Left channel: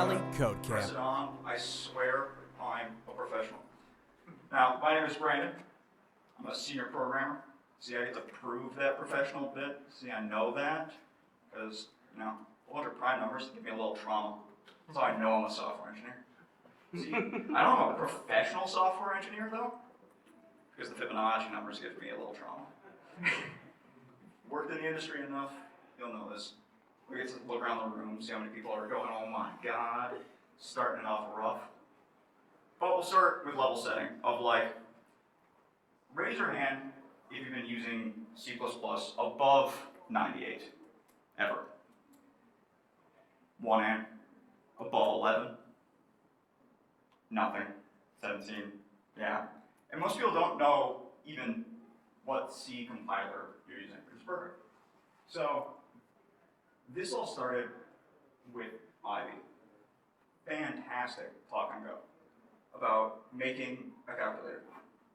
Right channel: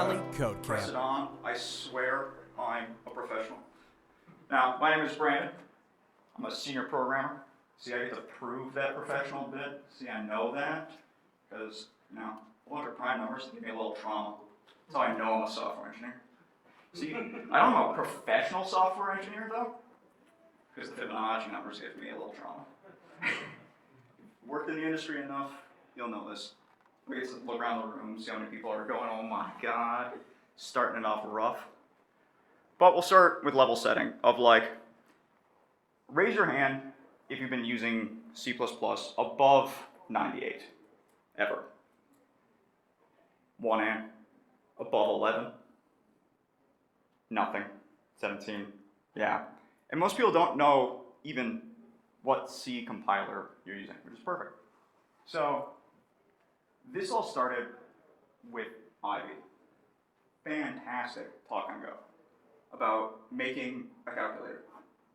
Valley Code Press Camp. it on. I swear I'm a professional. Now, my name is Brandon. I'm a senior programmer. See, I get to prove that professional bit. See, I know that because, a bunch of prime numbers give me a little trauma. That's how I know I'm a software engineer. See, I don't know a professional software engineer, though, because the Fibonacci numbers give me a little trauma. Worked in the industry enough, you'll know this. We get to look around the room, see how many people are going, oh my god, starting it off rough. But we'll start with level setting of raise your hand if you've been using C++ above 98, ever. One hand, above 11, nothing, 17, yeah. And most people don't know even what C compiler you're using, which is perfect. So, this all started with Ivy. Fantastic talk and go about making a calculator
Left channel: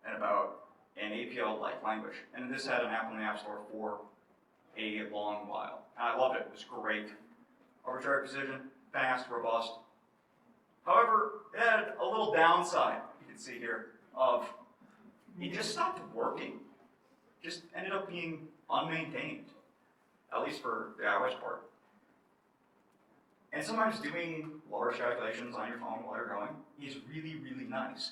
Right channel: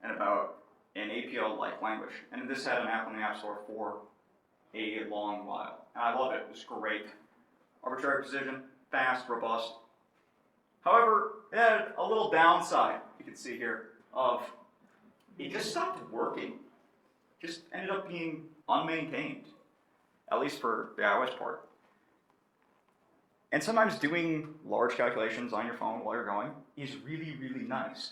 and about an APL-like language. And this had an app in the App Store for a long while. And I loved it. It was great. Arbitrary precision, fast, robust. However, it had a little downside, you can see here, of it just stopped working. Just ended up being unmaintained, at least for the iOS part. And sometimes doing large calculations on your phone while you're going is really, really nice.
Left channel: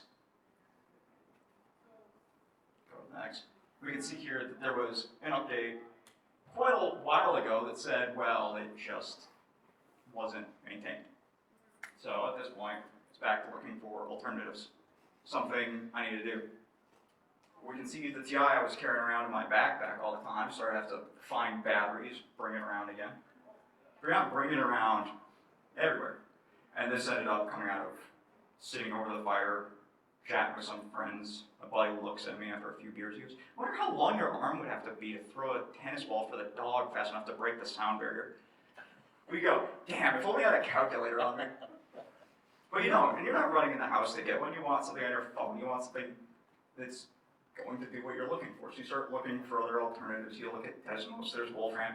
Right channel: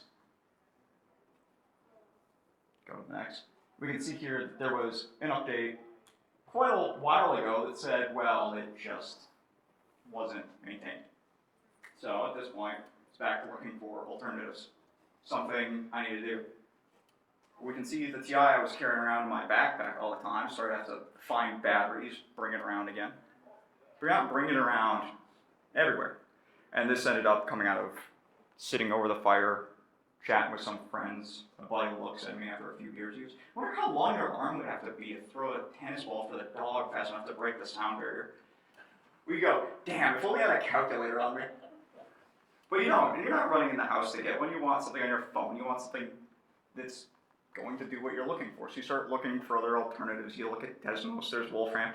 Go next. We can see here that there was an update quite a while ago that said, well, it just wasn't maintained. So at this point, it's back to looking for alternatives. Something I need to do. We can see the TI I was carrying around in my backpack all the time, so I have to find batteries, bring it around again. Bring it around everywhere. And this ended up coming out of sitting over the fire, chatting with some friends. My buddy looks at me after a few beers. He goes, I wonder how long your arm would have to be to throw a tennis ball for the dog fast enough to break the sound barrier. We go, damn, if only I had a calculator on me. But you don't, and you're not running in the house to get when you want something on your phone. You want something that's going to do what you're looking for. So you start looking for other alternatives. You look at Desmos, there's Wolfram,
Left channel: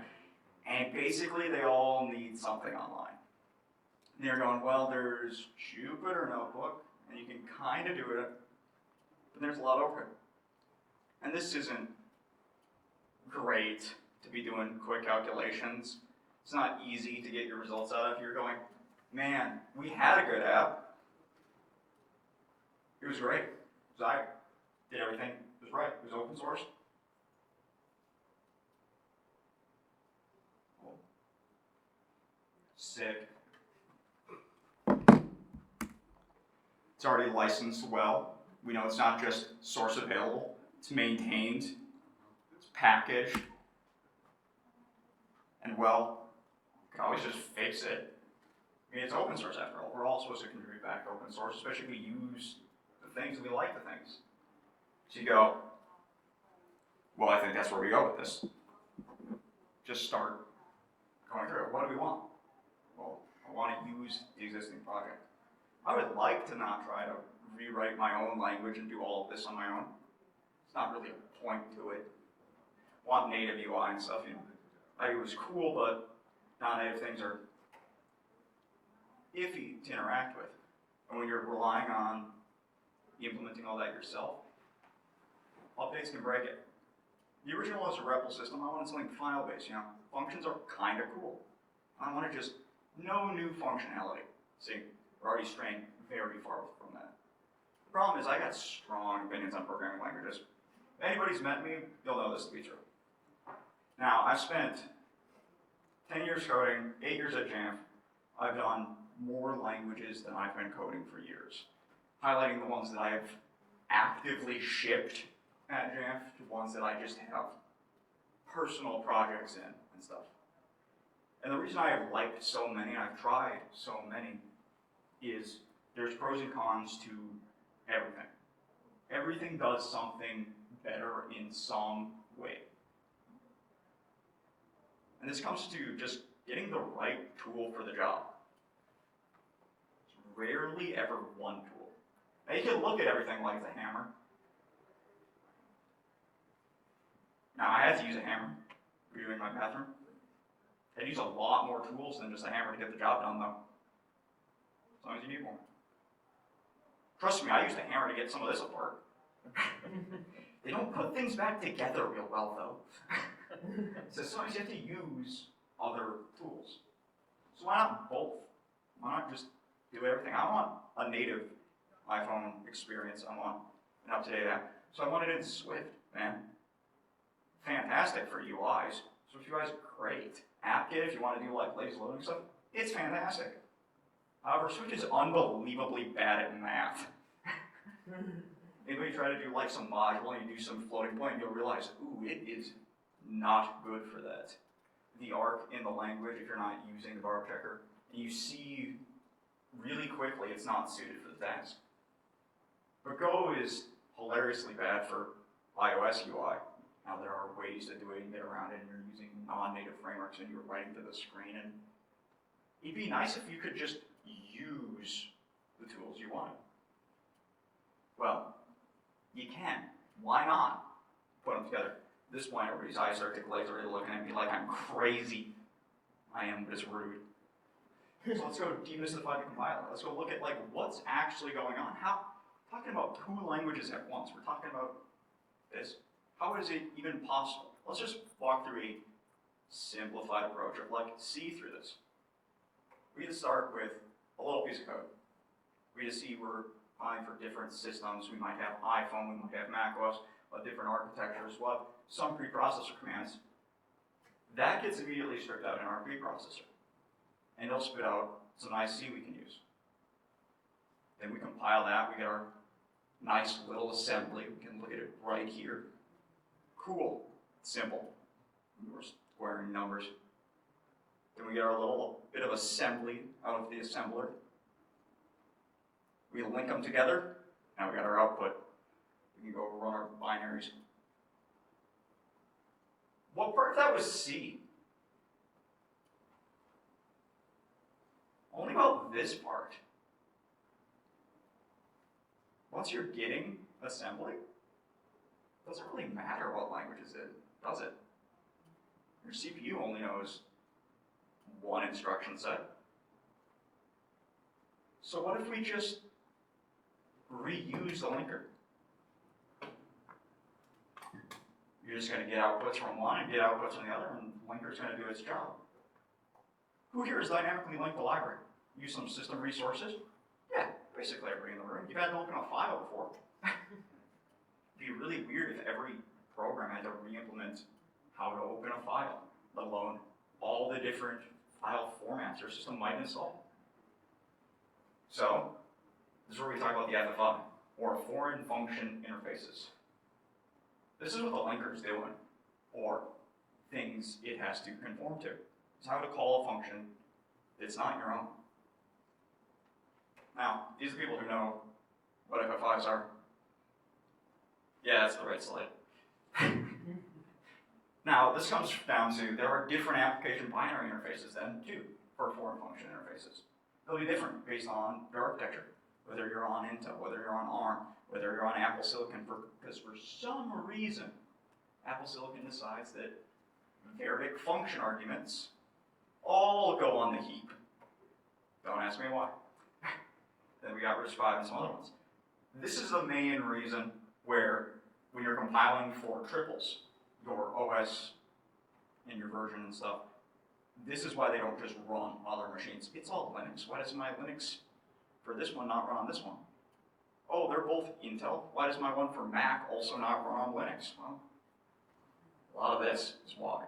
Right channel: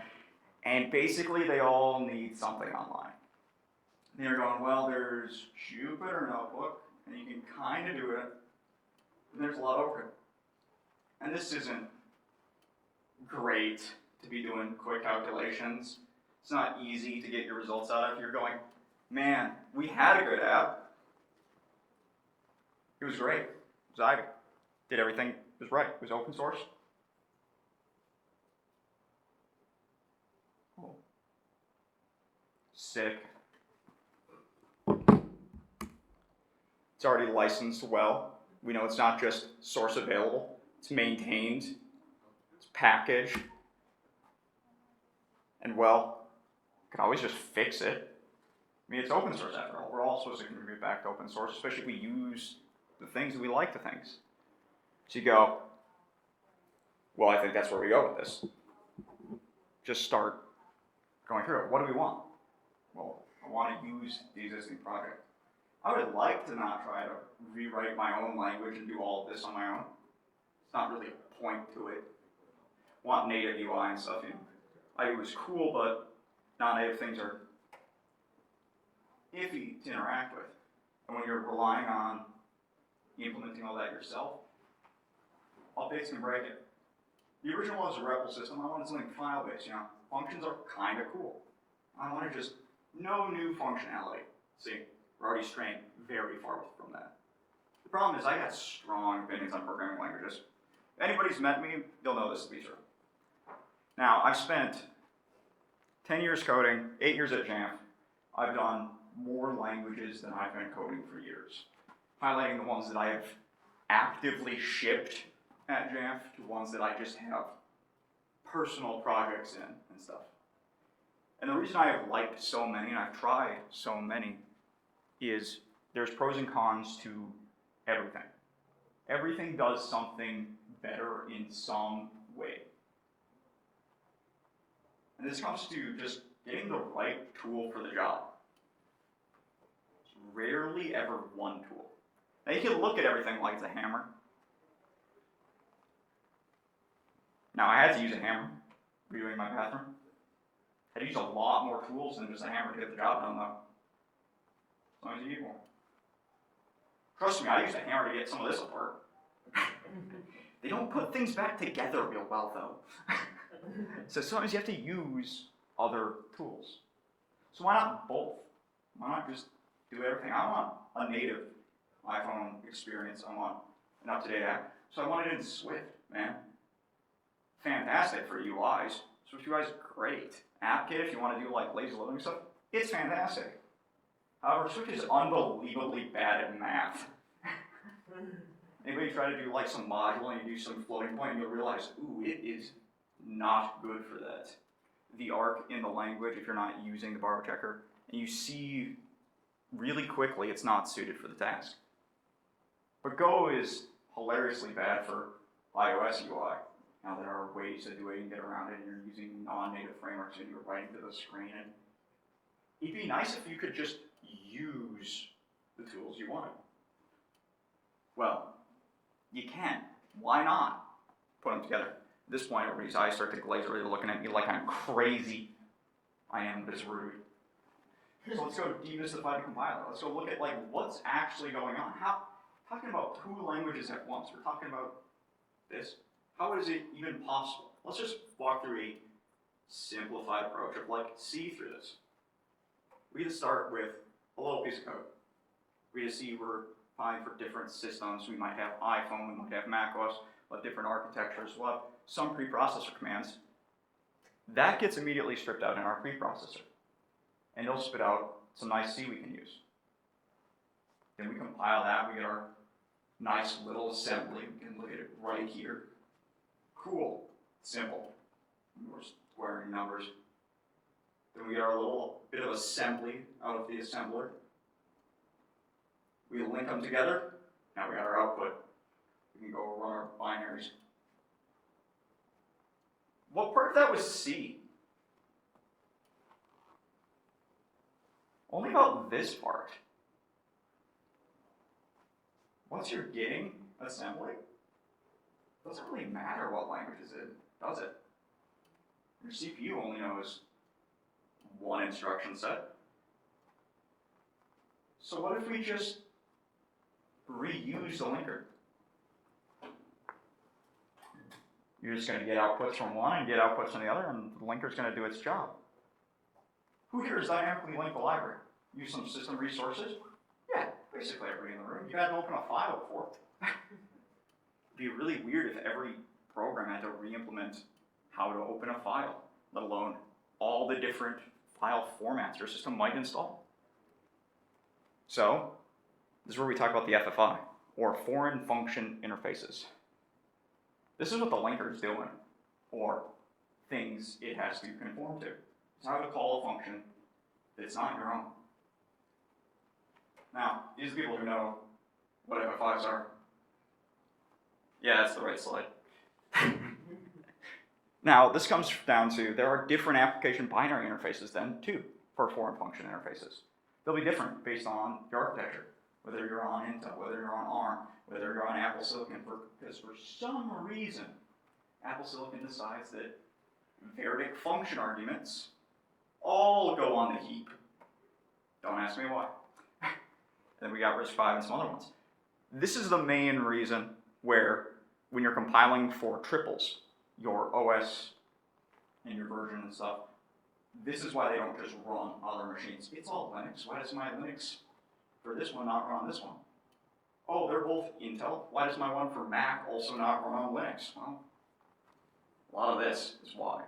and basically they all need something online. And you're going, well, there's Jupyter Notebook, and you can kind of do it, and there's a lot over it. And this isn't great to be doing quick calculations. It's not easy to get your results out of. You're going, man, we had a good app. It was great. It was Ivy. Did everything. It was right. It was open source. Cool. Sick. It's already licensed well. We know it's not just source available. It's maintained. It's packaged. And well, you can always just fix it. I mean, it's open source after all. We're all supposed to contribute back to open source, especially if we use the things that we like the things. So you go, well, I think that's where we go with this. Just start going through it. What do we want? Well, I want to use the existing project. I would like to not try to rewrite my own language and do all of this on my own. It's not really a point to it. I want native UI and stuff. It was cool, but non-native things are iffy to interact with. And when you're relying on implementing all that yourself, updates can break it. The original was a REPL system. I wanted something file-based, Functions are kind of cool. I want to just, no new functionality. See, we're already straying very far from that. The problem is I got strong opinions on programming languages. If anybody's met me, they'll know this to be true. Now, I've spent 10 years coding, 8 years at Jamf. I've done more languages than I've been coding for years. Highlighting the ones that I have actively shipped at Jamf to ones that I just have personal projects in and stuff. And the reason I have liked so many, and I've tried so many, is there's pros and cons to everything. Everything does something better in some way. And this comes to just getting the right tool for the job. It's rarely ever one tool. Now you can look at everything like it's a hammer. Now I had to use a hammer redoing my bathroom. I had to use a lot more tools than just a hammer to get the job done though. Sometimes you need more. Trust me, I used a hammer to get some of this apart. They don't put things back together real well, though. So sometimes you have to use other tools. So why not both? Why not just do everything? I want a native iPhone experience. I want an up-to-date app. So I want it in Swift, man. Fantastic for UIs. Swift UI is great. AppKit, if you want to do like lazy loading stuff, it's fantastic. However, Swift is unbelievably bad at math. Anybody try to do like some module and you do some floating point and you'll realize, ooh, it is not good for that. The arc in the language, if you're not using the bar checker, and you see really quickly it's not suited for the task. But Go is hilariously bad for iOS UI. Now there are ways to do it and get around it, and you're using non-native frameworks and you're writing to the screen. And it'd be nice if you could just use the tools you wanted. Well, you can. Why not put them together? At this point, everybody's eyes start to glaze over. They're looking at me like I'm crazy. I am, but it's rude. So let's go demystify the compiler. Let's go look at like what's actually going on. Talking about two languages at once. We're talking about this. How is it even possible? Let's just walk through a simplified approach of like see through this. We just start with a little piece of code. We just see we're fine for different systems. We might have iPhone, we might have macOS, but different architectures. We'll have some preprocessor commands. That gets immediately stripped out in our preprocessor. And it'll spit out some nice C we can use. Then we compile that, we get our nice little assembly. We can look at it right here. Cool, simple. We're squaring numbers. Then we get our little bit of assembly out of the assembler. We link them together. Now we got our output. We can go run our binaries. What part of that was C? Only about this part. Once you're getting assembly, it doesn't really matter what language is in, does it? Your CPU only knows one instruction set. So what if we just reuse the linker? You're just going to get outputs from one and get outputs from the other, and the linker's going to do its job. Who here has dynamically linked the library? Use some system resources? Yeah, basically everybody in the room. You had to open a file before. It'd be really weird if every program had to re-implement how to open a file, let alone all the different file formats your system might install. So, this is where we talk about the FFI, or Foreign Function Interfaces. This is what the linker is doing, or things it has to conform to. It's how to call a function that's not your own. Now, these people who know what FFIs are, yeah, that's the right slide. Now, this comes down to, there are different application binary interfaces then, too, for foreign function interfaces. They'll be different based on your architecture, whether you're on Intel, whether you're on ARM, whether you're on Apple Silicon, because for some reason, Apple Silicon decides that variable function arguments all go on the heap. Don't ask me why. Then we got RISC-V and some other ones. This is the main reason where, when you're compiling for triples, your OS and your version and stuff, this is why they don't just run on other machines. It's all Linux. Why does my Linux for this one not run on this one? Oh, they're both Intel. Why does my one for Mac also not run on Linux? Well, a lot of this is why.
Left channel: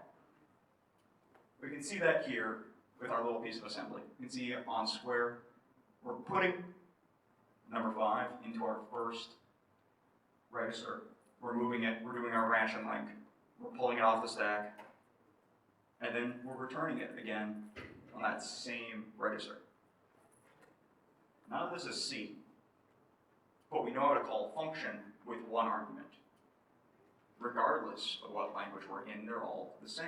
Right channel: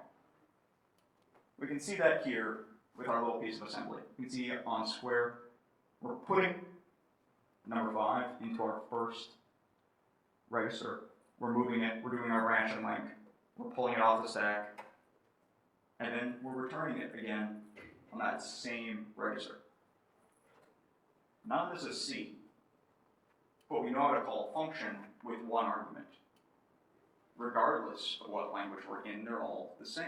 We can see that here with our little piece of assembly. You can see on square, we're putting number 5 into our first register. We're moving it, we're doing our branch and link. We're pulling it off the stack, and then we're returning it again on that same register. None of this is C, but we know how to call a function with one argument. Regardless of what language we're in, they're all the same.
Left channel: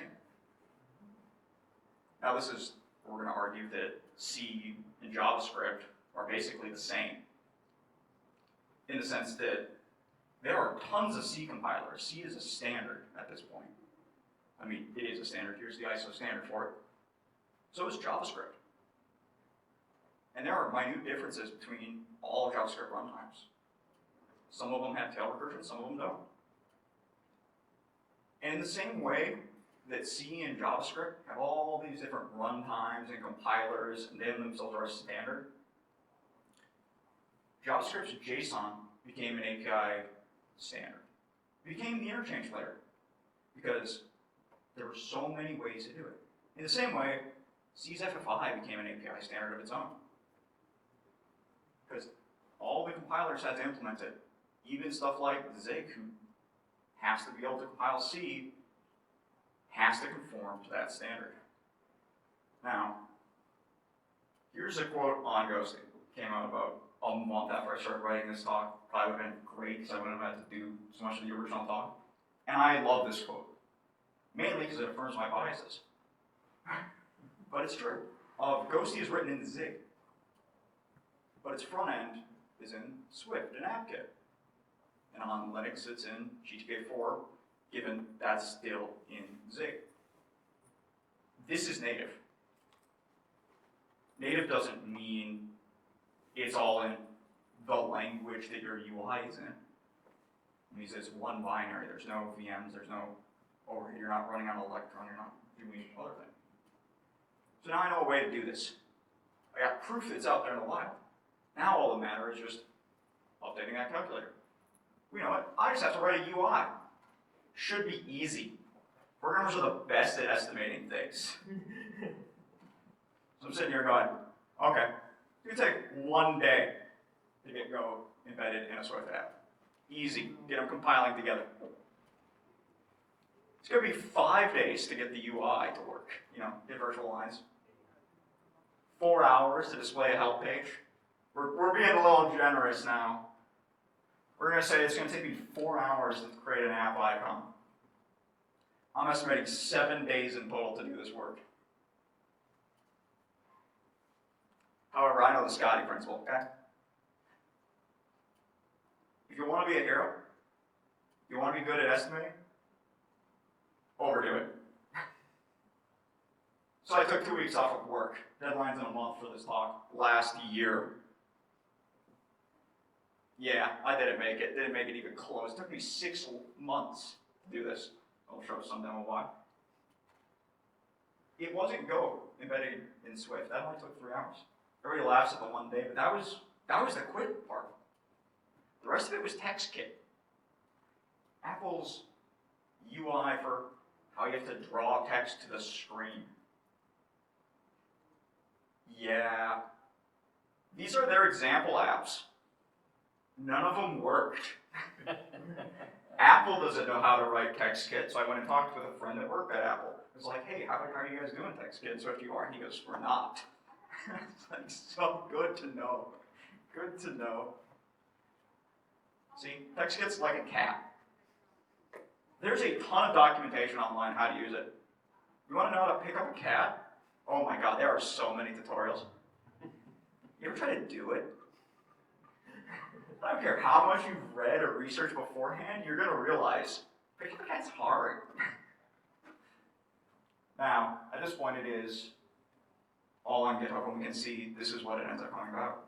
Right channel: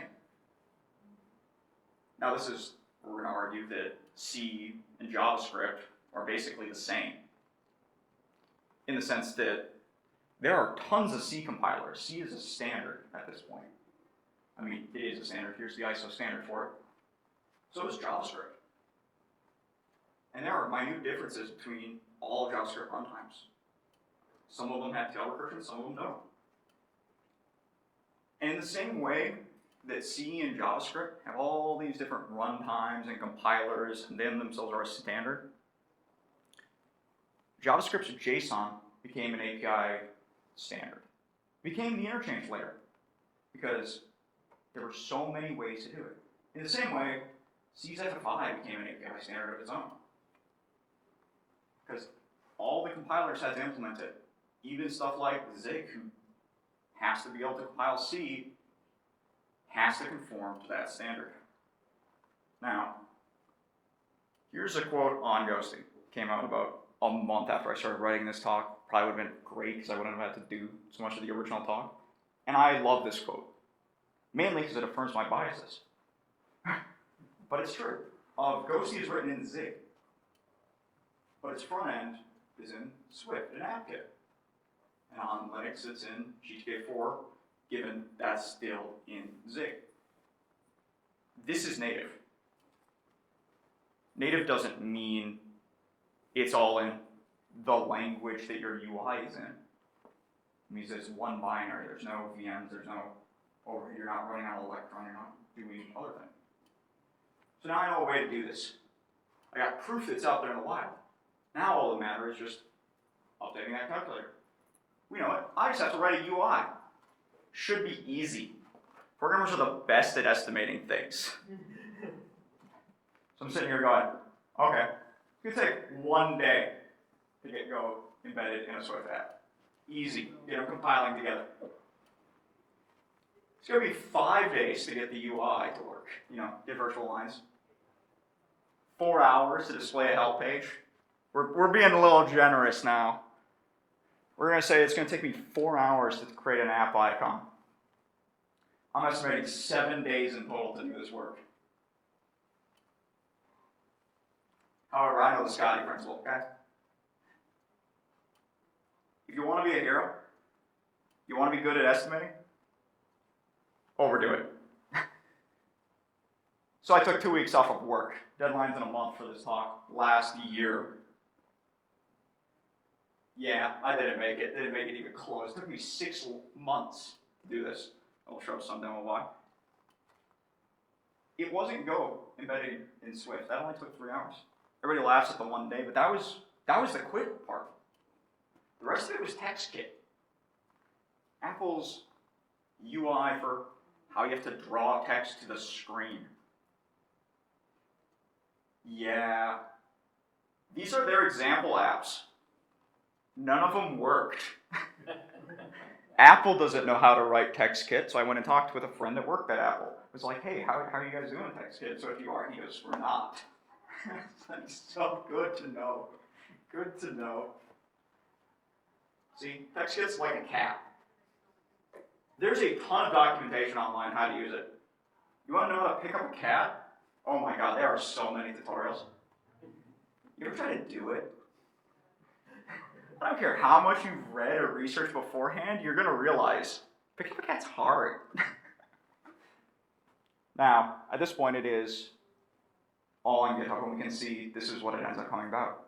Now this is, we're going to argue that C and JavaScript are basically the same, in the sense that there are tons of C compilers. C is a standard at this point. I mean, it is a standard. Here's the ISO standard for it. So is JavaScript. And there are minute differences between all JavaScript runtimes. Some of them have tail recursion, some of them don't. And in the same way that C and JavaScript have all these different runtimes and compilers, and them themselves are a standard, JavaScript's JSON became an API standard. It became the interchange layer because there were so many ways to do it. In the same way, C's FFI became an API standard of its own. Because all the compilers had to implement it. Even stuff like Zig, who has to be able to compile C, has to conform to that standard. Now, here's a quote on Ghosty. It came out about a month after I started writing this talk. Probably would have been great because I wouldn't have had to do so much of the original talk. And I love this quote, mainly because it affirms my biases. But it's true. Ghosty is written in Zig, but its front end is in Swift and AppKit. And on Linux, it's in GTK4, given that's still in Zig. This is native. Native doesn't mean it's all in the language that your UI is in. It means it's one binary. There's no VMs, there's no overhead. You're not running on Electron, you're not doing other things. So now I know a way to do this. I got proof that's out there in the wild. Now all that matters is just updating that calculator. We know it. I just have to write a UI. Should be easy. Programmers are the best at estimating things. So I'm sitting here going, okay, it's going to take 1 day to get Go embedded in a Swift app. Easy. Get them compiling together. It's going to be 5 days to get the UI to work. Get virtual lines. 4 hours to display a help page. We're being a little generous now. We're going to say it's going to take me 4 hours to create an app icon. I'm estimating 7 days in total to do this work. However, I know the Scotty principle, okay? If you want to be a hero, you want to be good at estimating, overdo it. So I took 2 weeks off of work. Deadline's in a month for this talk. Last year. Yeah, I didn't make it. Didn't make it even close. It took me 6 months to do this. I'll show some demo why. It wasn't Go embedded in Swift. That only took 3 hours. Everybody laughs at the 1 day, but that was the quick part. The rest of it was TextKit. Apple's UI for how you have to draw text to the screen. Yeah. These are their example apps. None of them worked. Apple doesn't know how to write TextKit, so I went and talked with a friend that worked at Apple. It was like, hey, how are you guys doing TextKit? So if you are, he goes, we're not. It's like, so good to know. Good to know. See, TextKit's like a cat. There's a ton of documentation online how to use it. You want to know how to pick up a cat? Oh my god, there are so many tutorials. You ever try to do it? I don't care how much you've read or researched beforehand, you're going to realize picking up a cat's hard. Now, at this point it is all on GitHub, and we can see this is what it ends up coming about.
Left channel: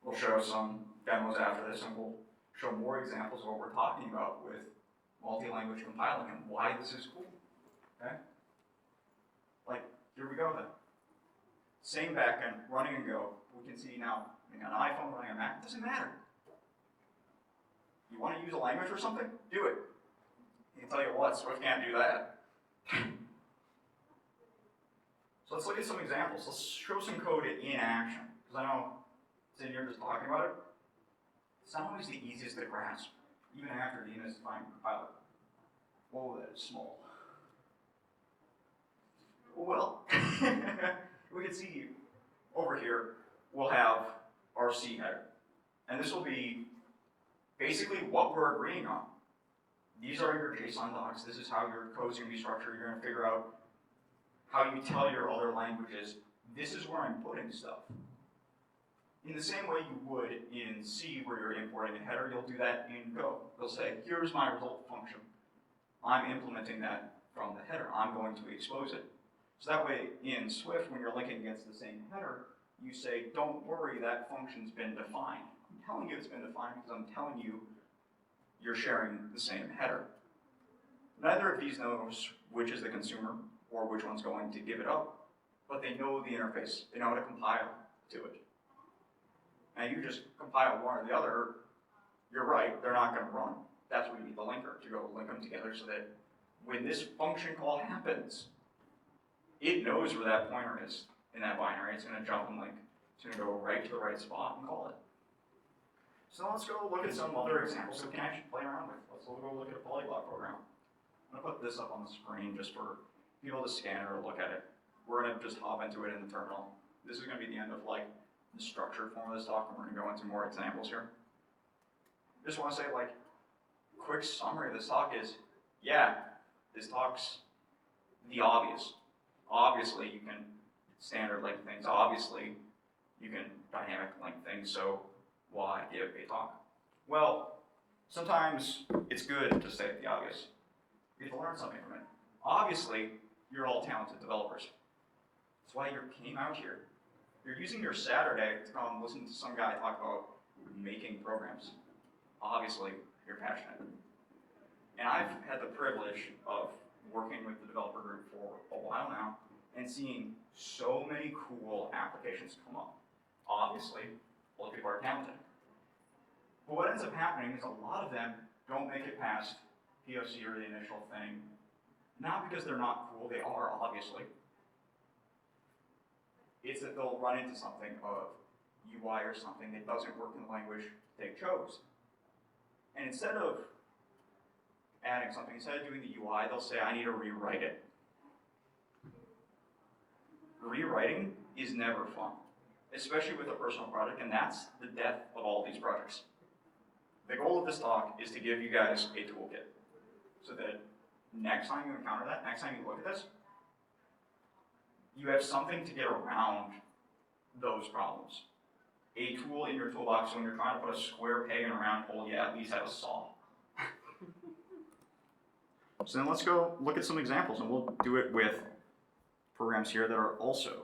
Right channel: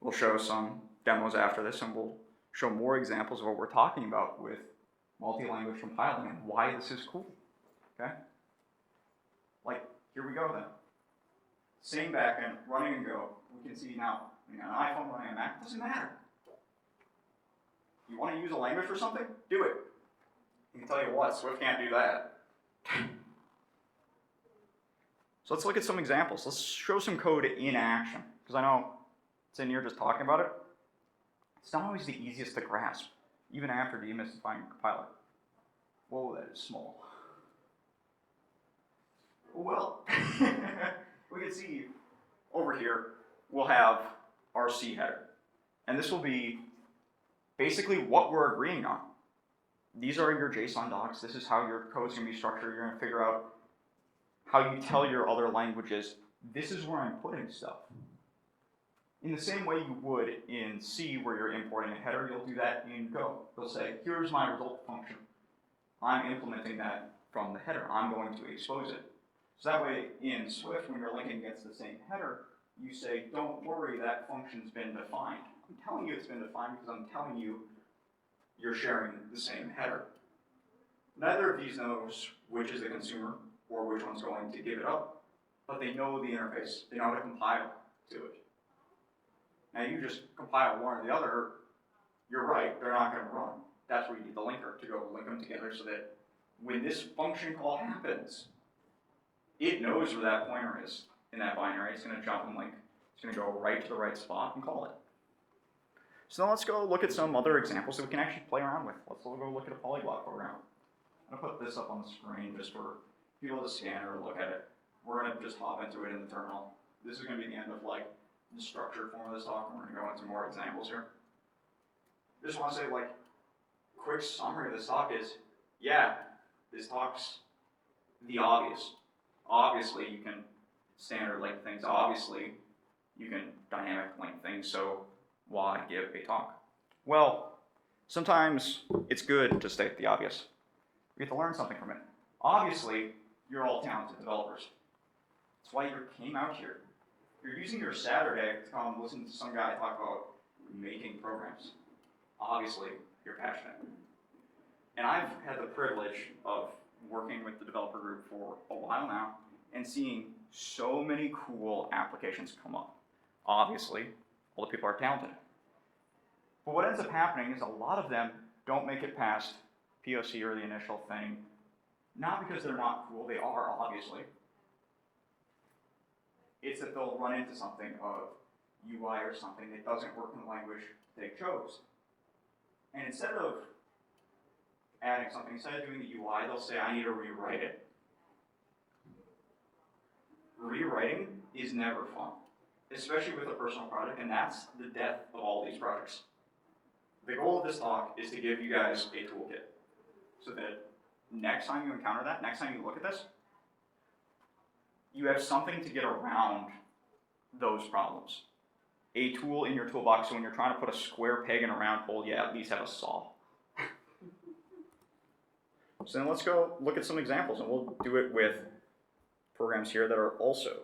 We'll show some demos after this, and we'll show more examples of what we're talking about with multi-language compiling and why this is cool. Okay? Like, here we go then. Same backend, running in Go. We can see now, an iPhone running on Mac, it doesn't matter. You want to use a language for something? Do it. I can tell you what, Swift can't do that. So let's look at some examples. Let's show some code in action. Because I know sitting here just talking about it, it's not always the easiest to grasp, even after demystifying the compiler. Whoa, that is small. Well, we can see over here, we'll have our C header. And this will be basically what we're agreeing on. These are your JSON docs. This is how your code's going to be structured. You're going to figure out how you tell your other languages, this is where I'm putting stuff. In the same way you would in C, where you're importing a header, you'll do that in Go. You'll say, here's my result function. I'm implementing that from the header. I'm going to expose it. So that way, in Swift, when you're linking against the same header, you say, don't worry, that function's been defined. I'm telling you it's been defined because I'm telling you you're sharing the same header. Neither of these knows which is the consumer or which one's going to give it up, but they know the interface. They know how to compile to it. Now you just compile one or the other, you're right, they're not going to run. That's where you need the linker to go link them together so that when this function call happens, it knows where that pointer is in that binary. It's going to jump and link. It's going to go right to the right spot and call it. So now let's go look at some other examples that we can actually play around with. Let's go look at a polyglot program. I'm going to put this up on the screen just for people to scan or look at it. We're going to just hop into it in the terminal. This is going to be the end of like the structured form of this talk, and we're going to go into more examples here. Just want to say, like, quick summary of this talk is, yeah, this talk's the obvious. Obviously, you can standard link things. Obviously, you can dynamic link things. So why give a talk? Well, sometimes it's good to state the obvious. We get to learn something from it. Obviously, you're all talented developers. That's why you came out here. You're using your Saturday to come listen to some guy talk about making programs. Obviously, you're passionate. And I've had the privilege of working with the developer group for a while now and seeing so many cool applications come up. Obviously, all the people are talented. But what ends up happening is a lot of them don't make it past POC or the initial thing, not because they're not cool, they are, obviously. It's that they'll run into something of UI or something that doesn't work in the language they chose. And instead of adding something, instead of doing the UI, they'll say, I need to rewrite it. Rewriting is never fun, especially with a personal project, and that's the death of all these projects. The goal of this talk is to give you guys a toolkit so that next time you encounter that, next time you look at this, you have something to get around those problems. A tool in your toolbox, so when you're trying to put a square peg in a round hole, you at least have a saw. So then let's go look at some examples, and we'll do it with programs here that are also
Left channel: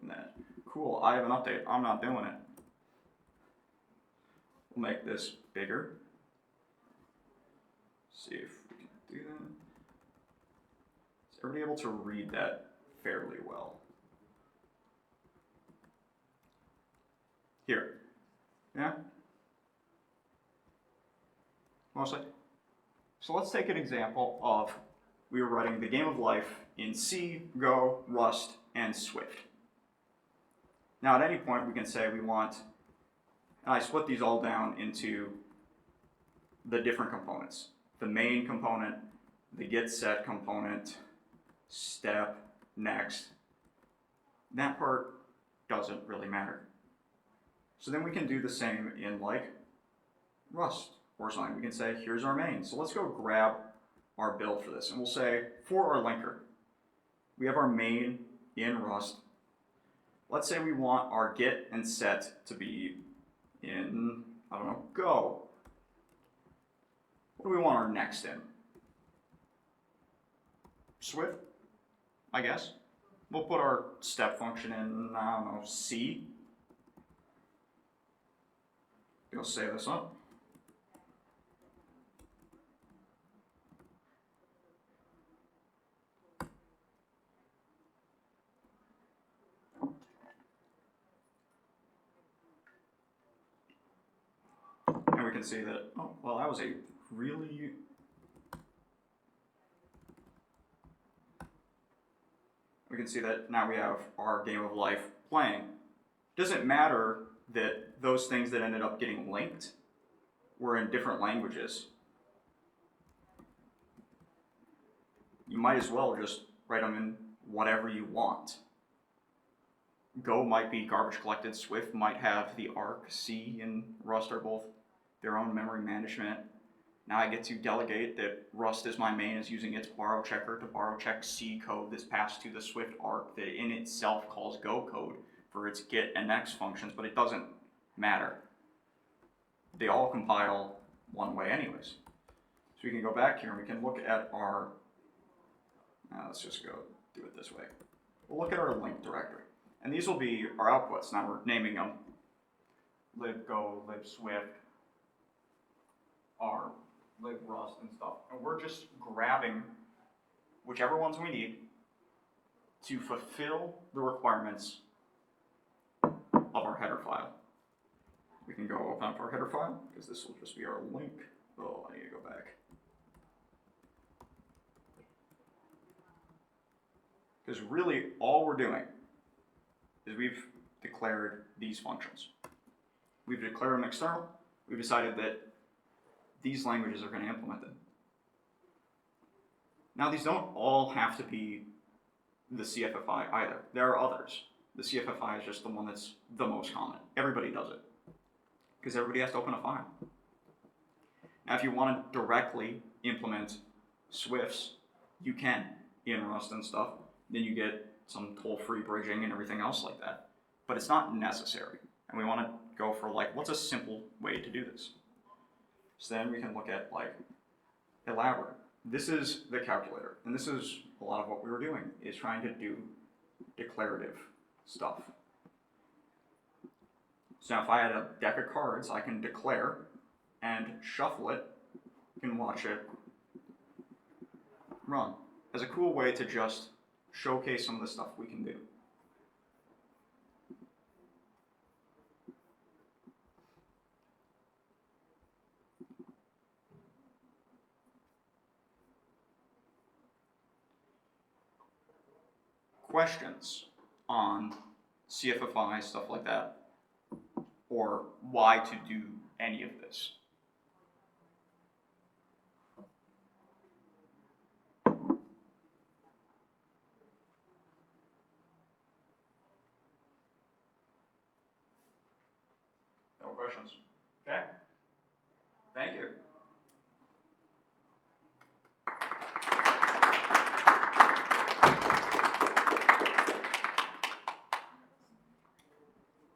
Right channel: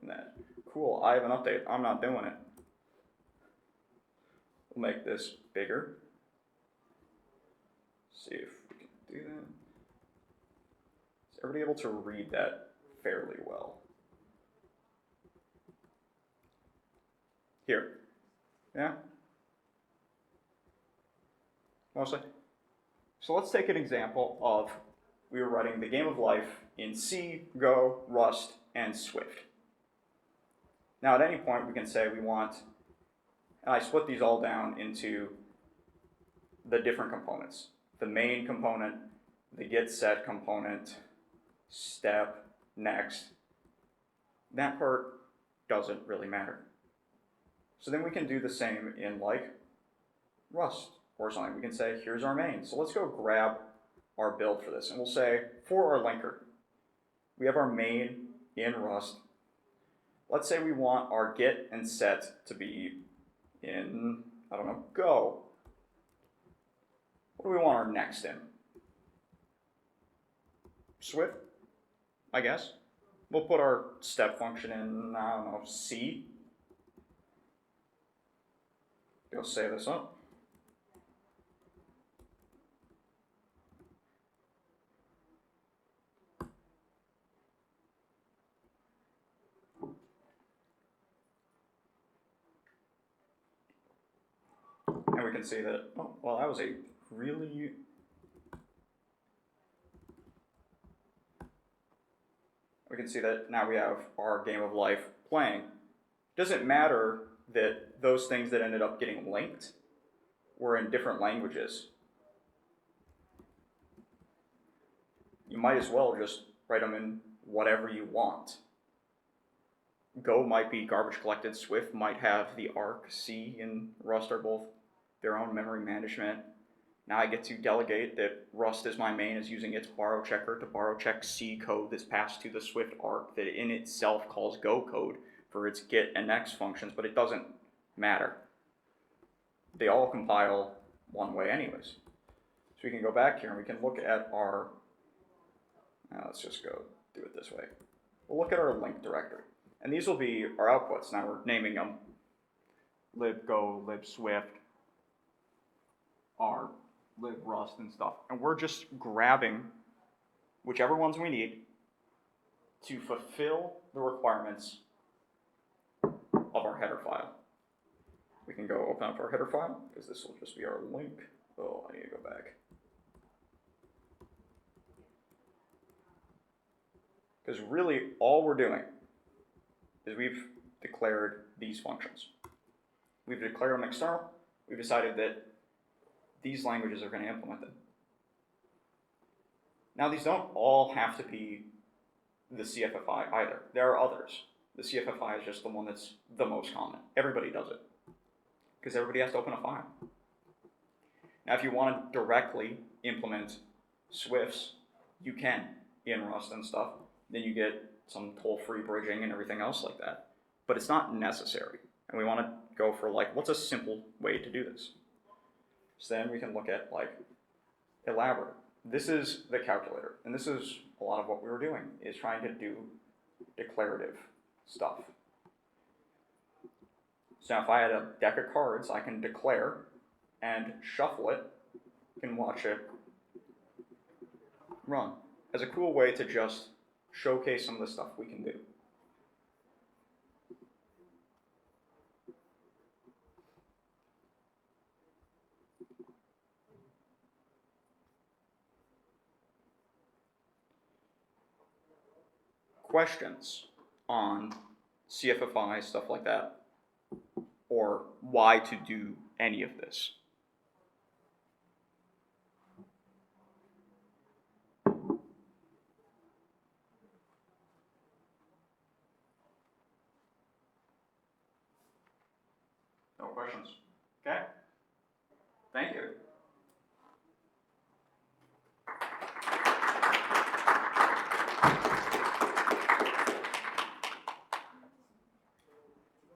in that. Cool, I have an update. I'm not doing it. We'll make this bigger. See if we can do that. Is everybody able to read that fairly well? Here. Yeah? Mostly? So let's take an example of we were writing the game of life in C, Go, Rust, and Swift. Now at any point we can say we want, and I split these all down into the different components. The main component, the get set component, step, next. That part doesn't really matter. So then we can do the same in like Rust or something. We can say, here's our main. So let's go grab our build for this. And we'll say, for our linker, we have our main in Rust. Let's say we want our get and set to be in, I don't know, Go. What do we want our next in? Swift, I guess. We'll put our step function in, I don't know, C. Go save this up. And we can see that, oh, well, that was a really... We can see that now we have our game of life playing. Doesn't matter that those things that ended up getting linked were in different languages. You might as well just write them in whatever you want. Go might be garbage collected, Swift might have the arc, C and Rust are both their own memory management. Now I get to delegate that Rust is my main is using its borrow checker to borrow check C code that's passed to the Swift arc that in itself calls Go code for its get and next functions, but it doesn't matter. They all compile one way anyways. So we can go back here and we can look at our, let's just go do it this way. We'll look at our link directory. And these will be our outputs. Now we're naming them libgo, libswift, r, librust, and stuff. And we're just grabbing whichever ones we need to fulfill the requirements of our header file. We can go open up our header file, because this will just be our link. Oh, I need to go back. Because really, all we're doing is we've declared these functions. We've declared them external. We've decided that these languages are going to implement them. Now, these don't all have to be the CFFI either. There are others. The CFFI is just the one that's the most common. Everybody does it, because everybody has to open a file. Now, if you want to directly implement Swifts, you can in Rust and stuff. Then you get some toll-free bridging and everything else like that. But it's not necessary. And we want to go for, like, what's a simple way to do this? So then we can look at, like, elaborate. This is the calculator. And this is a lot of what we were doing, is trying to do declarative stuff. So now if I had a deck of cards, I can declare and shuffle it, and watch it run. As a cool way to just showcase some of the stuff we can do. Questions on CFFI, stuff like that, or why to do any of this? No questions? Okay. Thank you.